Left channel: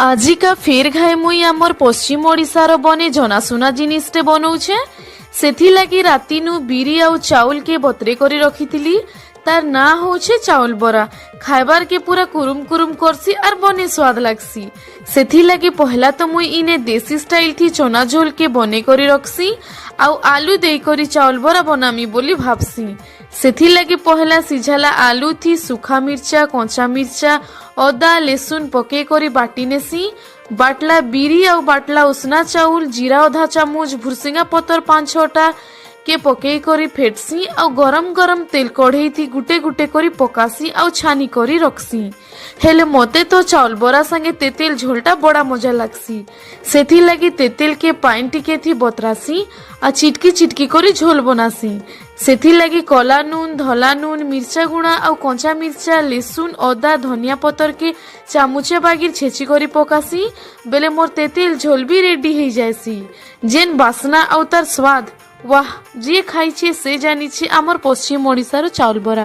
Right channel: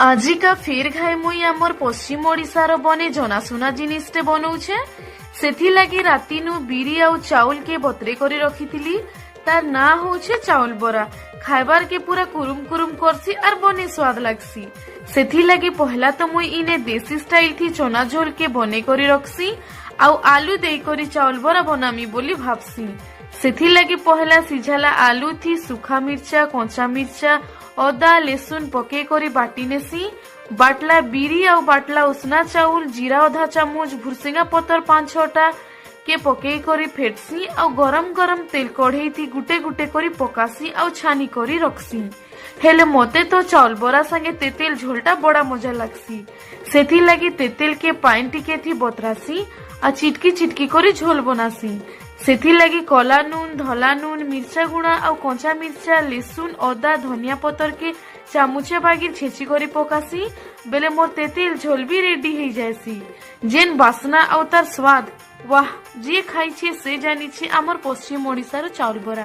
आजिका फेर घाए मुई आमर पश्चिम ओडिशार बने जनाशुना जिनिसटे बनाऊे सेथि लगी राती नु बिरी आउ चाउल के बतरे करी रखिथिली। तार ना होछे चाउल बरा खाइबार के पूरा कुरुम कुरुम करसी और बने स्वाद लगसी। सेथि लगी पहला तो मुई इने देसी स्टाइल थी चना झोल के बने करी रखसी आउ आलू दे करी चाउल बरा बनामी बोली भाबसी। सेथि लगी पहला सिझाला आलू थी सूखा मिर्चा कंचा मिर्चा अदा लेसुन पके करी बाटी नेसी। बाटला बिरी आउ बाटला उसना चाउल जीरा आधा चामच भुरसिंगा पतर 5-6टा के पके करी फेटसी आउ गरम गरम तेल कढ़ई थी गुटे गुटे करी पकासी आउ छानी करी रखसी। हेले मते तो चाउल बरा संगे तेतेल झोलटा बड़ा मजा लगसी। सेथि लगी तेतेल के पानी टिके थी बतरासी आ चिटकी चिटकी करी झोल बनासी। सेथि लगी कला नून धला नून मिर्चा गुणा आउ कंचा मिर्चा लेसुन अदा धनिया पतर के चामुचे बागिर छेची करी पकासी बेले मोर तेतेल झोल भी रेडी हो जाएसी। जेन बासना आउ तार स्वाद वाह जे खाई छे से जानी छे आमर पश्चिम ओडिशार चाउल बरा।